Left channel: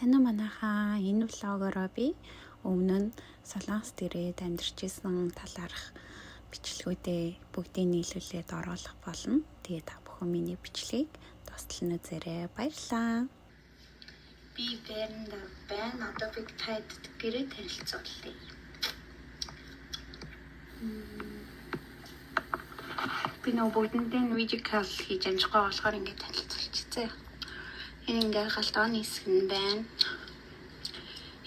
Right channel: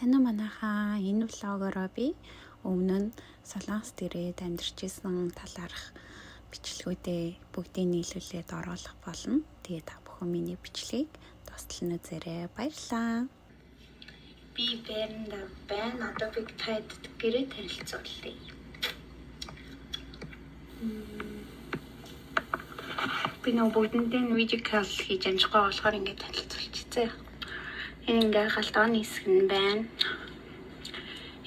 Сайн уу манайхаа. Энэ влогороо би өмнө нь Солонгост ирээд амьдарч исэн талаарх бичлэгүүдээ бүгдийг нийлүүлээд оруулах болно. Тэгээд та бүхэн миний бичлэгийг дуустал нь үзээрэй. Баярлалаа. Би Бэрнда байна. Одоо би таад гэрээ танилцуулъя. Би нөө бүгдэндээ видео кол хийж амжихгүй болохоор ингээд танилцуулчихсан. Энэ ингээд галтооны хэсэг нь байна.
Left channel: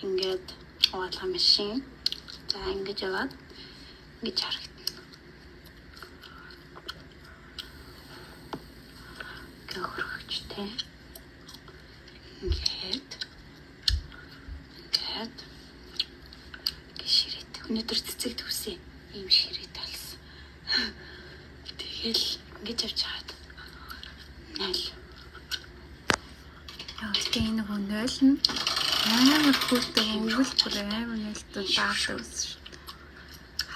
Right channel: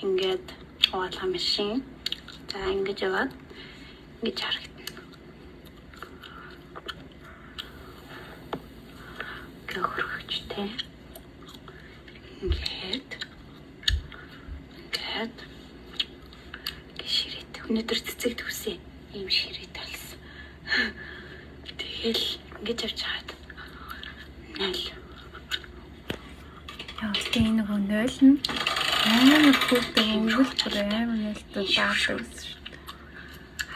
Ингээд хуваалга машин. За ингэж яваад ингэж харагдана. Гөрхөчтэй. Ингээд ширээ. Өнөөдөр цэцэг төвсөн ийм ширээ талсан. Тэгэл ингэж явж хаад. Найл. Тэгээд энэ нөгөө нойл нь амар хүүтэй өнгөл бүр амар нэлтэн даардаг гэсэн шүү.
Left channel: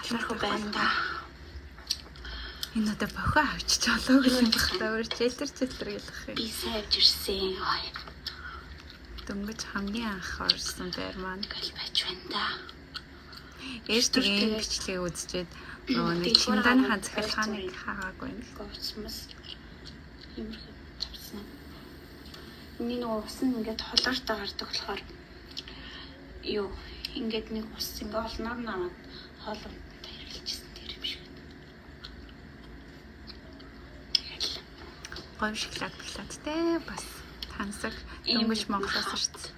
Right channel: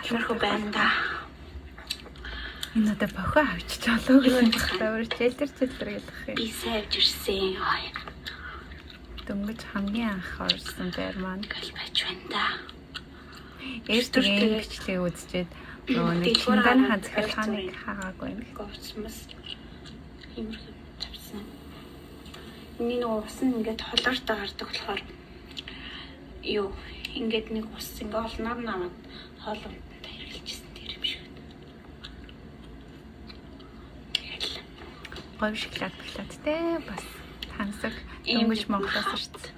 Халуурхуу байна да. Энэ одоо бохоо авчиж олоо гэх юм байна. Өөр чэлтэр гэлэх юм. Би сайвж ирсэн. Дөнгөж хамгийн анх орсон байр маань гал байж байна да. Эртний бичлэгийг үзчихэд нөгөө нэг чинданы захиргааныг хаагаагүй юм. Гоцмос иймэрхүү тавьсан. Миний нөгөө ус нь ингээд холоортой гардаг болохоор юу ингээд нэг ус ингээ олноор намайг хоолундаа хэрэглэжсэн тэр юм шиг. Говь шоколадтай бас тансаг өнгөж Монголоос ирсэн.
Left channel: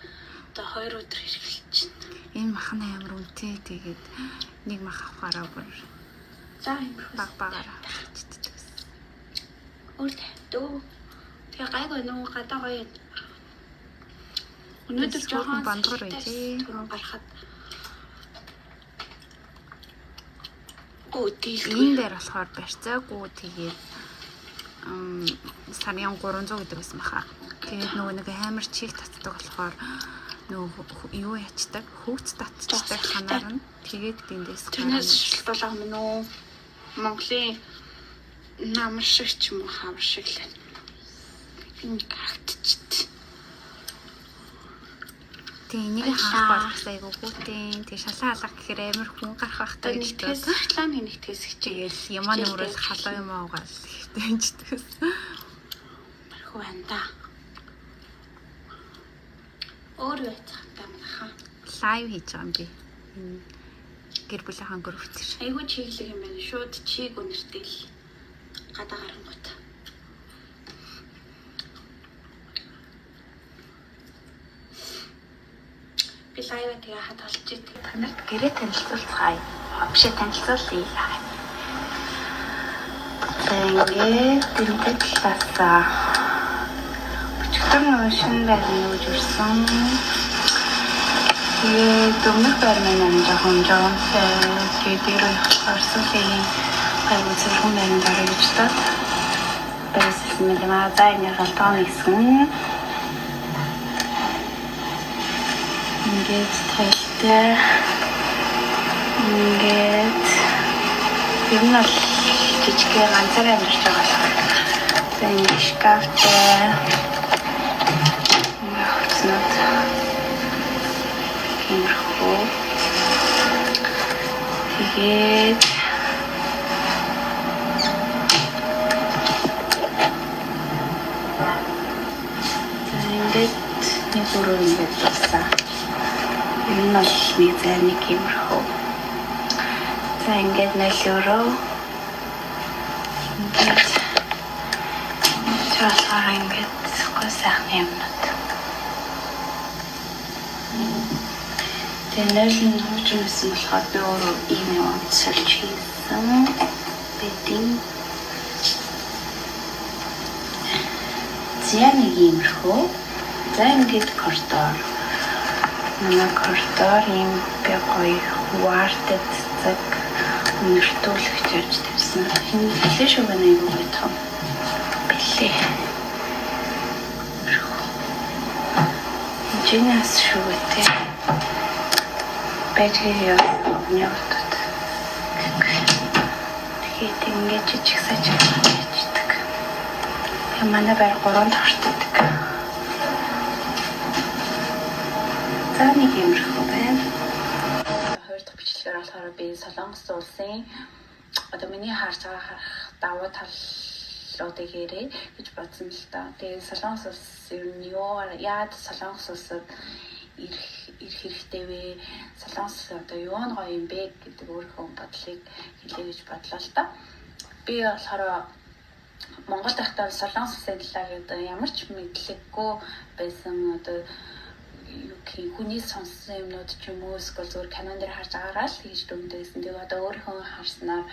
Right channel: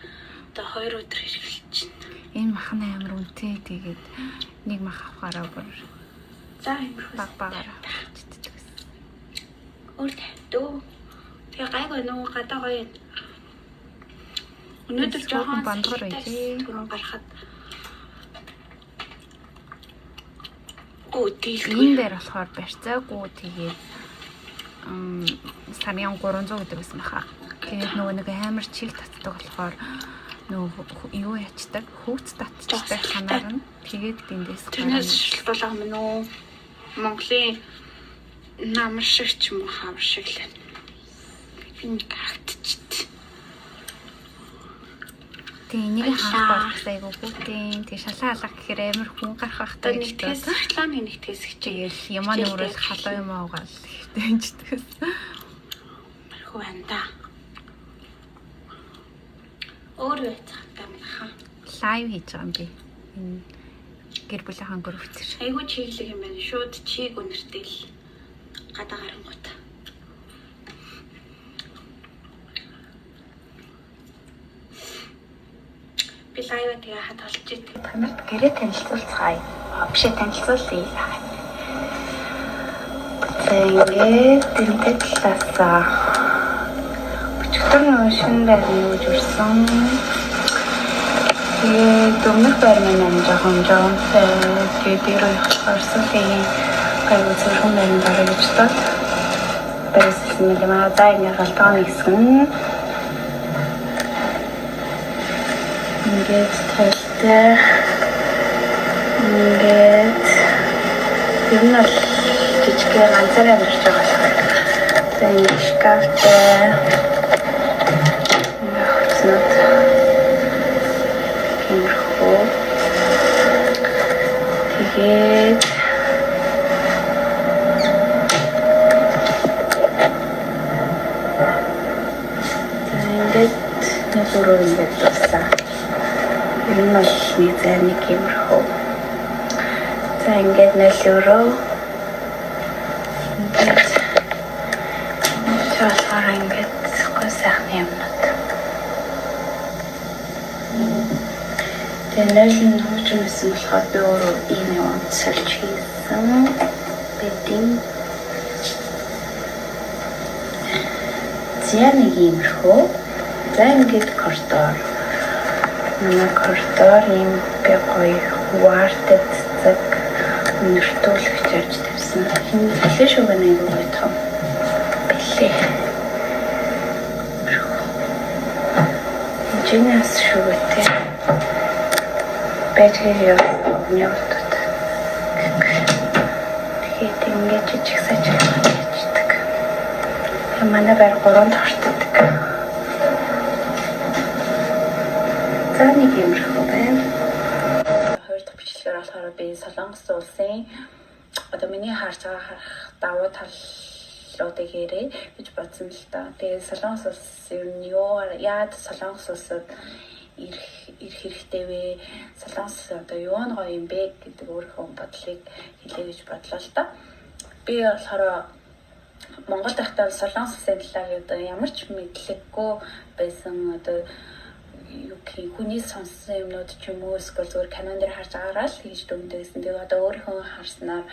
Одоо 2 өдөр хэрэглэж байна. Энэ махна амар үнэтэй тэгээд нэг мах авахаараа бүр за иймэрхүү багаар авчихдаг. Өөртөө дөө тэгээ гайгүй нөө гадаа гоё. Өнөөдөр жоохон бандгар байжээ. Түрүүн гарахад гүтэл энэ дээр болохоор барьцаагүй тэгээд сарын 300 гэдэг байсан баха. Тэгээд нөгөө нэг амар чих татдаг болохоор нөгөө юу ячдаг хөвц татчихдаг ханаар нь тэгээд эндээс тэрнээс шилтуулах юм уу? Монголын намар шиг ч юм уу хавар шиг л байна. Энэ гартчихдээ. Тэгээ энийг хаах бол бас айгүй хүүтэн тэг шалаа алга гэхээр амар хүн гарах байхтай гэж байна. Реклам нэгтгэс хичээл ямаа нүрээс халаа юм аагаал тэгтэйчдгээс. Мархуу байна да. Өөр байцах тамхаа. Лайв хийж байгаа юм би. Энэ гэр бүлийн групп дээр. Айгүй чиглэг юм байна. Шууд чиг үнэртэй л гадаа гарангууд. Би лайв тэгээ хад олж идэг. Танарт гэрээ танилцуулцгаая. Биш танилцуулъя. Тэгээд тэмдэг талаасаа өчигдөр шинэ байр нүүж ирсэн. Тэгээд өмнөх байр маань жоохон тэгээд дээр явахсан тэгээд гайгүй зөвхөн байранд орё гэж тоо. Бэсэлсэн юм аа за энэ галтооны хэсэг. Ингээд тайлтай. Ингээд ер нь л жижигхэн ганцаараа амьдарч байгаа болохоор. За энэ шкафтай. Тэгээд ингээд нэг өрөө ингээд байна. Энэ нь нэг зай нэг юмрхөө. За ингээд нэг өрөө. Ингээд чаасаар ингээд гойсахны юмнууд. Тэнийг нь хөгжүүлсэн болохоор би өөрөө ийм юм сольж хийсэн. Бэдин. Зя нэг юмрхөө. За ингээд коридор. Манай коридор ийм гоё вартад цаг нэртүүлэгч ярьж тавьсан. Энэ бэлээ шүү гэнэ юу гэх юм. Бэлээ. Жинас шүү гэдэг. Бэжгээ явуулдаг. Тэгээд ингэж жижиг сажиг хийдэг. Манай байр 3 дахь За нэг юмрхүү байна. Хоёр дахь бичлэгээр болохоор би Солонгос улсын одоо миний харж байгаа давуу талуудыг ярэ гэж бодсон л та. Тэгээд Солонгос улс ер нь яад Солонгос улсад ирэх хэрэгтэй вэ? Солонгос одоо юу нь гоё юм бэ гэдэг өөрийнхөө бодлыг хэлье гэж бодлоо л та. Би болохоор Монгол дахтаа Солонгос улсын талаар одоо ямар ч мэдлэггүй байсан одоо хүний сонссон юмнууд ч юм уу эсвэл зөвхөн канон дээр харж байгаагаа л хийж дүндэйсэн. Тэгээ одоо өөрийнхөө харснаар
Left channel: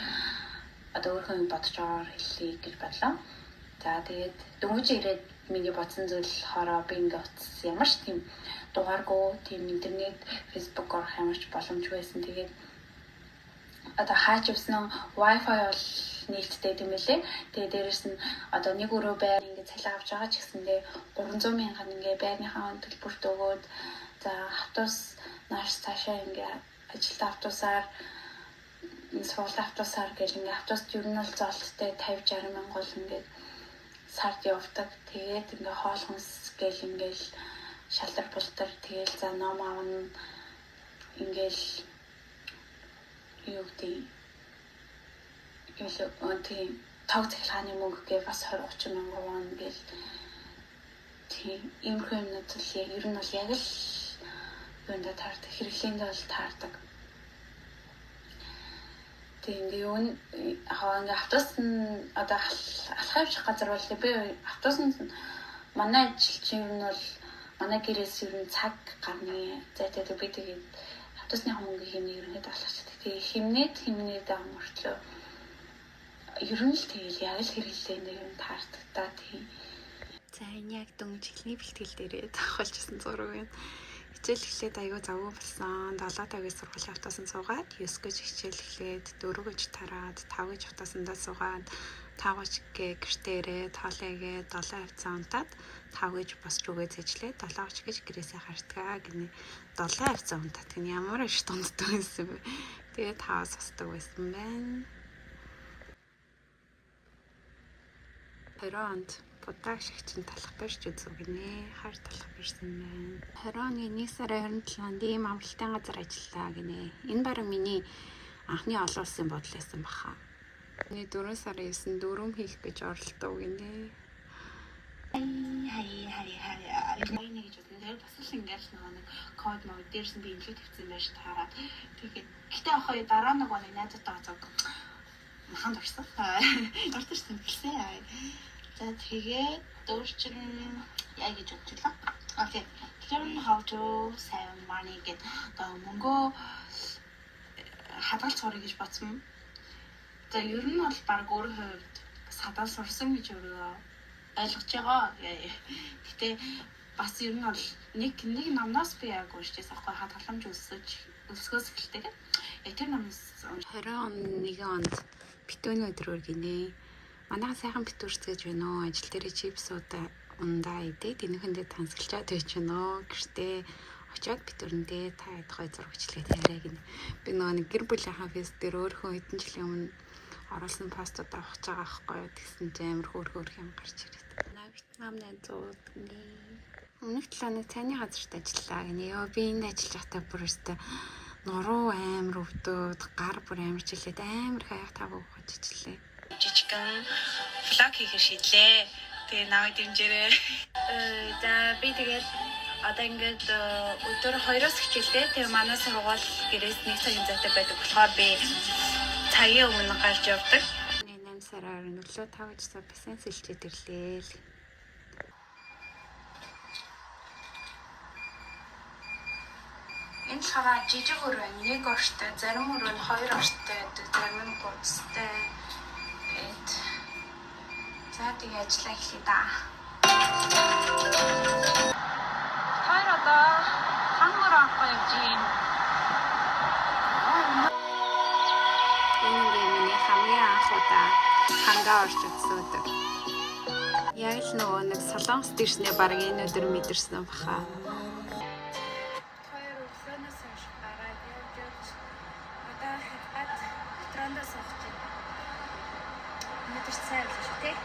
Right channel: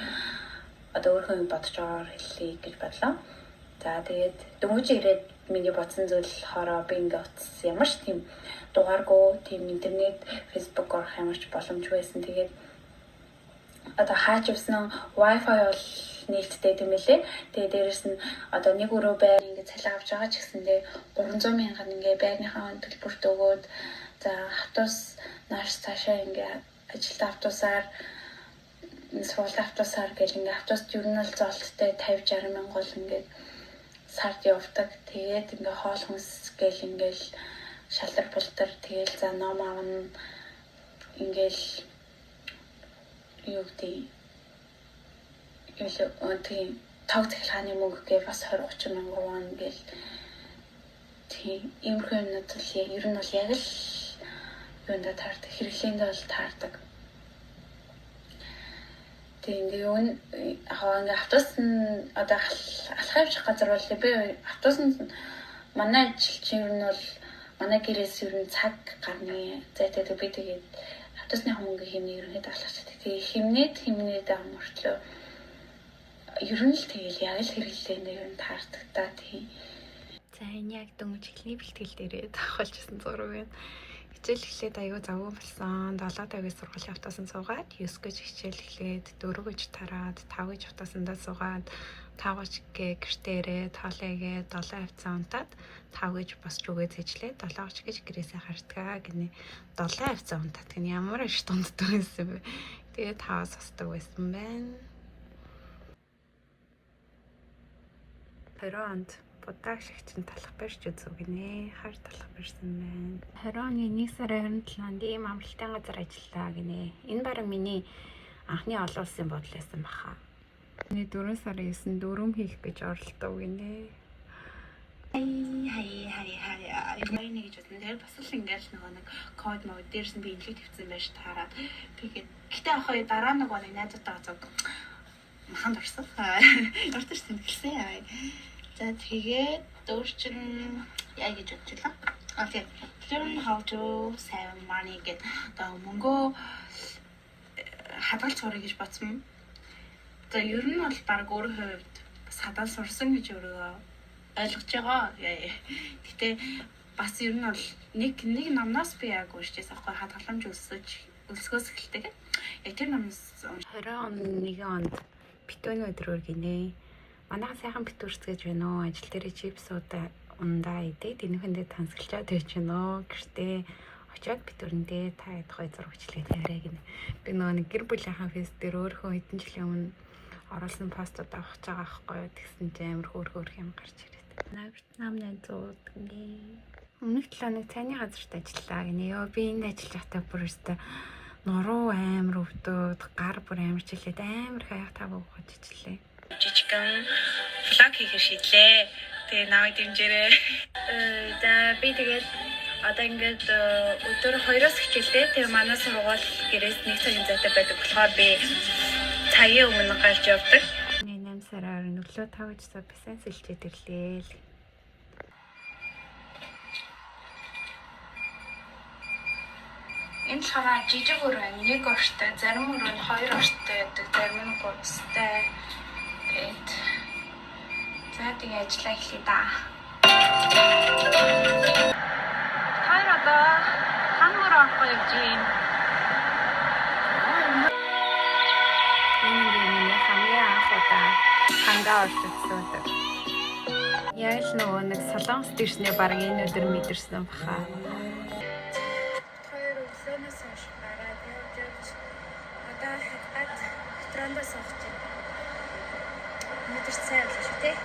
одоо өөрийнхөө бодож байгаагаар хэлье гэж бодлоо. За тэгээд дөнгөж ирээд миний бодсон зүйл болохоор би ингээ утас ямар ч тийм дугааргүй тийм интернет, фэйсбુક орох ямар ч боломжгүй байсан. Тэгээд одоо хаач явсан Wi-Fi бол нээлттэй тийм байлээ. Тэгээ дээрэс нь одоо нэг өрөө байр ингээ цалин авч байгаа ч гэсэндээ 300 мянган ингээ байрныхаа төлбөрт өгөөд за автобус нааш цаашаа ингээ ажилдаа автобусаар сургууль автобусаар гэл ингээ автобуст ер нь л золттой 50-60 мянга бол ингээ сард явдаг. Тэгээд ингээ хоол хүнс гэл ингээл шалар бултар тэгэл за ном аавна ингээл юу гэдэг тийм тог захилгааны мөнгө гээ бас 20-30 мянган вон гэл тийм иймэрхүү юмнууд л ер нь бол яг л юунда таардаг хэрэглээнд бол таардаг. Тийм ингээ ингээ автобус нь одоо алхах явчих газар бол би автобус нь манай ажил чинь ер нь бол манай гэрээс ер нь цаг гарны зайтай би тэгээд автобусны хөнгө хэмнээ ерөнхийдөө алхачихдаг. Тэгээ хэмнээд амартлаа ер нь л тэгэл яг л хэрэглээнд ер нь таардаг та тийм. За энэ яг дөнгөж эхлэний бэлтгэл дээрээ давхалжсэн зураг байна. Хичээл эхлээд аягүй завгүй болсон. 7:50-ийн сургуулийн автобусанд суугаад 9 гэж хичээл эхлээд 4 гэж тараад 5 гэж автобусандаа суугаад 5 гэ гэртээ ирээд тоолойгээд 7 хавцаа унтаад 5 гэж босч өгөө зэжлээ 7 гэж гэрээсээ хартгаа гинэ 7 хавцаа унтаад гинэ ямар их дунддаг байсан бэ. Тэгээд 5-аас босдог байсан байна. 20 онд Будаа шигчин талах барьж үзв гинэ. Хар талах барьсан байна. 20 оны 1 сарын 27-нд ийм амралтын газар ажиллаа гинэ. Энэ бараг миний анхны олон улсын бодол байсан баха. Миний 4 сарын 9-нд дөрөм хийх гэж оролдов гинэ. Хай нэг гэж бодсон. Тэр бас л ингээл нэг код мод дээрс нь би имлэг тавьсан байж таараад тэгээд гэтээ охоо дараа нэг найзуудтайгаа зог маханд орсон. Орсон шүү дээ. За тэгээд дөрчин яа гэж бодчихлаа. Окей. Learn how to save money гэдэг одоо мөнгөө хадгалж сурах гэж бодсон. За ер нь бол баг өөрийнхөө хувьд бас хадгалж сурсан гэж өөрөө ойлгож байгаа. Гэтэ бас ер нь бол нэг номноос би яг уншижсэн аахгүй хадгаламж өсгөөс эхэлдэг. Яг тэр номноос 20 оны 1 онд битүүний өдрөөр гинэ. Манайха сайхан битүүрч гэж байна уу? Ажил дээр чипсуудаа ундаа идээд энэхэндээ тансгалчаад байж байна уу? Гэртээ очиод битүүрэндээ та ядхай зурагчлаад яриа гинэ. Би нэг гэр бүлийнхаа фейс дээр өөрийнхөө хэдэн жилийн өмнө оруулсан постууд авах гэж байгаа байхгүй. Тэгсэн чинь амар хөөрхөр юм гарч ирээд. Вьетнам найзууд гинэ. Өмнөх 7 хоног цайны газарт ажиллаа гинэ. Йоо би энд ажиллаж байхдаа бүр өстө нуруу амар өвдөд, гар бүр амар чилээд амар хаях таваа ухаж ичлээ. Жижигхэн влог хийхээр шийдлээ. Тэгээ наваа дэмжээрэй. За би тэгээд одоо ингээд өдөр 2-оос хичээлтэй. Тэгээ манай сургууль гэрээс 1 цагийн зайтай байдаг болохоор би цагийн өмнө гарч явдаг. 8 сараар өглөө 5 цаг бассейн сэлчээд ирлээ л. Энэ хараа жижиг өрөө 1 орчтой, зарим өрөө нь 2 орчтой байдаг, зарим нь 3 орчтой. За тэгээ ажиллаа эхлэе да. Хайр одоо хангар авахгүй явж юм. Энэ миний хамгийн анх удаа хангаа орж үзсэн өдөр. Яг л нөгөө нэг солонгос дэрснээ баг энэ өдөр мэдэрсэн баха. Хоёр өглөөнөөс хойш гараад явж одоо хатгаад ресторант сууж байна. Мэдэрч сайн л шүү дээ.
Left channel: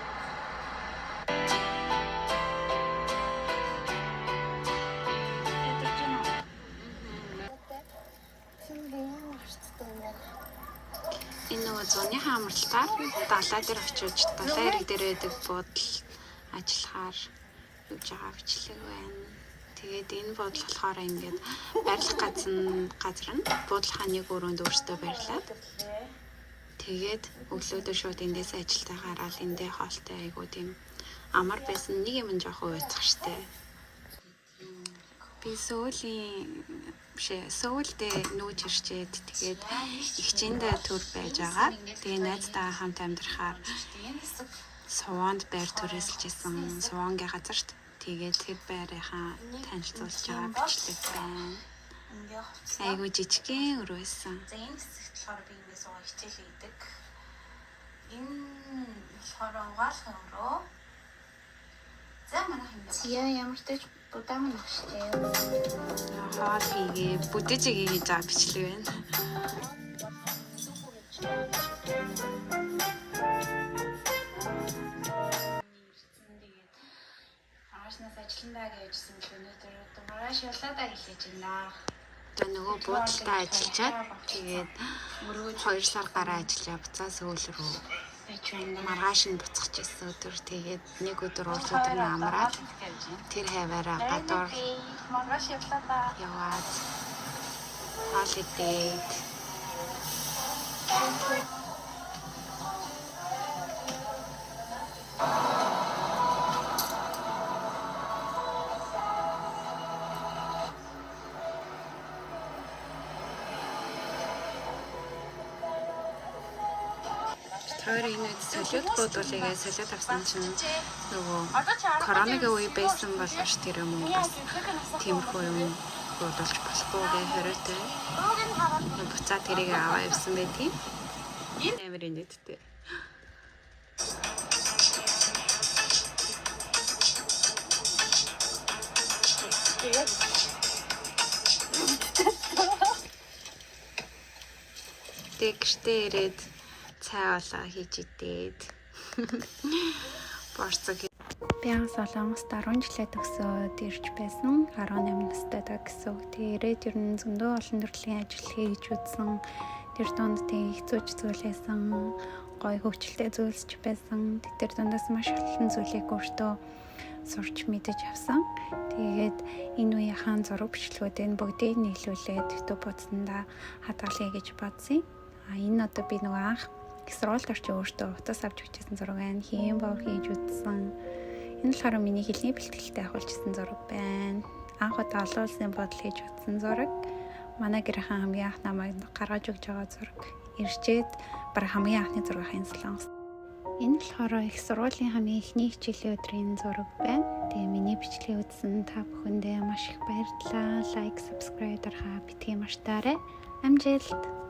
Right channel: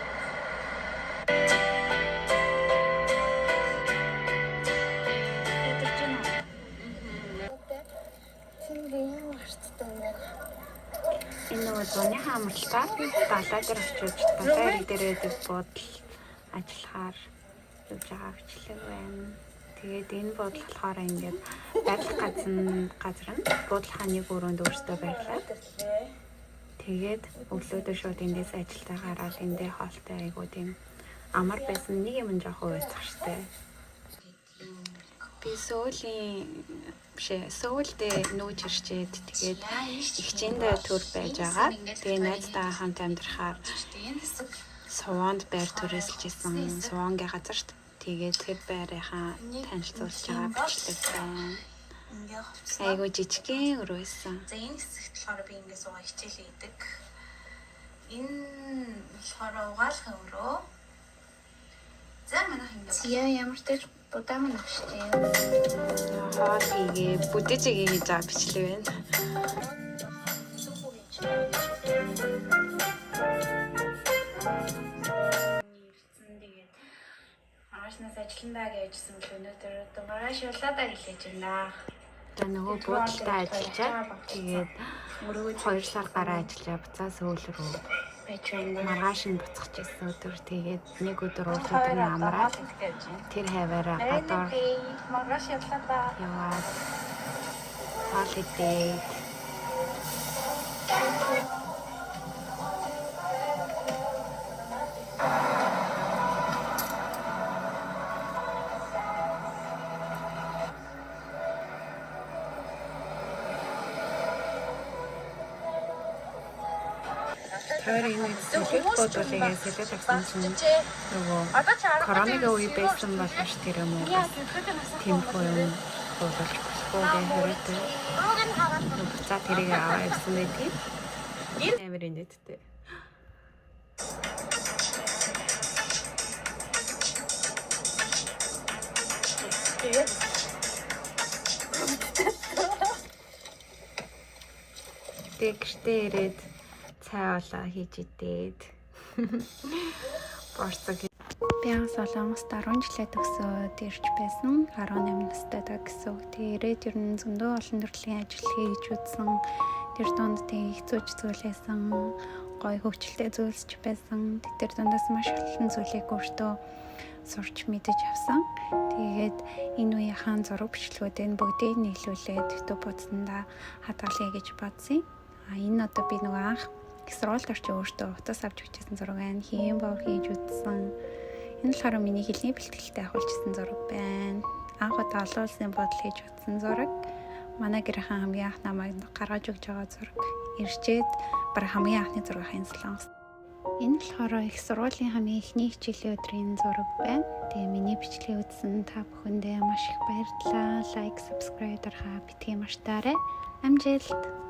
нөгөө зуны хаамралтаар далай дээр очиж далайн ирэг дээр байдаг буудал ажиллахаар явж байгаа бичлэг байна. Тэгээд энэ буудал болохоор ингээд барилах газар нь буудал хааны өрөөнд өөртөө барилаад тэгээд өглөөдөө шууд эндээс ажилдаа гараад эндээ хоолтой айгуу тийм амар байсан нэг юм жоохон уйцах штэ. Би Сөүлдээ нүүж ирчээд тэгээд ихчэндээ төр байж байгаа. Тэгээ найзтайгаа хамт амьдрахаар Сувонд байр төрөсөлж исэн Сувонгийн газарт тэгээд тэр байрынхаа танилцуулж байгаа бичлэг байна. Айгуу жижигхэн өрөөсөн. За энэ хэсэгт болохоор би ингээд суугаа хичээл хийдэг. Энэ болохоор угаалгын өрөө. За манайх ингээд Ямар ч тач будаан нөхштэй. Хоол хийгээ бүдэж игээ хийж байгаа бичлэг байна. Маргаашнаас ажилландаа гэжсэн л өнөөдөр маргааш явлаадаа хэлээж байна. За нөгөө буудалтай ажиллаад тэгээд 2 сар гараа ажиллаа буцаа Сөүл рүү маргааш нь буцах гэсэн өдөр тэгээд нэг өдөр уул өдөр нь амраад тэр хаваараа гадуур Маргааш явлаадаа яваад хоол идээд тэр энэ солиод бодволыгээ солиод авсан чинь нөгөө коронавигийн үе байсан болооч тэр юм уу бас тиймэрхүү юм бодолж болохгүй гэ хориотой буцаа тэрийг аваа явсан байдгийг амар инээдтэй. Тэгэртээ ирээд цай олоо хийж идээд борцог. Би Солонгост 10 жилээ төгсөөд ирж байсан. 18 настай гэсэн. Тэгээд ер нь зөндөө олон төрлийн ажил хийж үзсэн. Тэр донд тэг хэцүү зүйлээсэн, гоё хөвчлөлтэй зүйлсч байсан. Тэр дундаас маш олон зүйлийг өөртөө сурч мэдэж авсан. Тэгээд энэ үеийн зураг бичлэгүүдийн бүгдийг нийлүүлээд YouTube утсандаа хадгалъя гэж бодсон. Энэ одоо би нөгөө анх их сургуульд орчих өөртөө утас авч бичсэн зураг байна. Хийм боор хийж үзсэн. Энэ болохоор миний хэлний бэлтгэлтэй авахулжсэн зураг байна. Анх удаа олон улсын бодол хийж утсан зураг. Манай гэрхэн хамгийн анх намайг гаргаж өгч байгаа зураг. Ирчээд баг хамгийн анхны зургийн Солонгос. Энэ болохоор их сургуулийн хамгийн эхний хичээлийн өдрийн зураг байна. Тэгээ миний бичлэгийг үзсэн та бүхэндээ маш их баярлалаа. Лайк, subscribe дарахаа битгий мартаарай. Амжилт.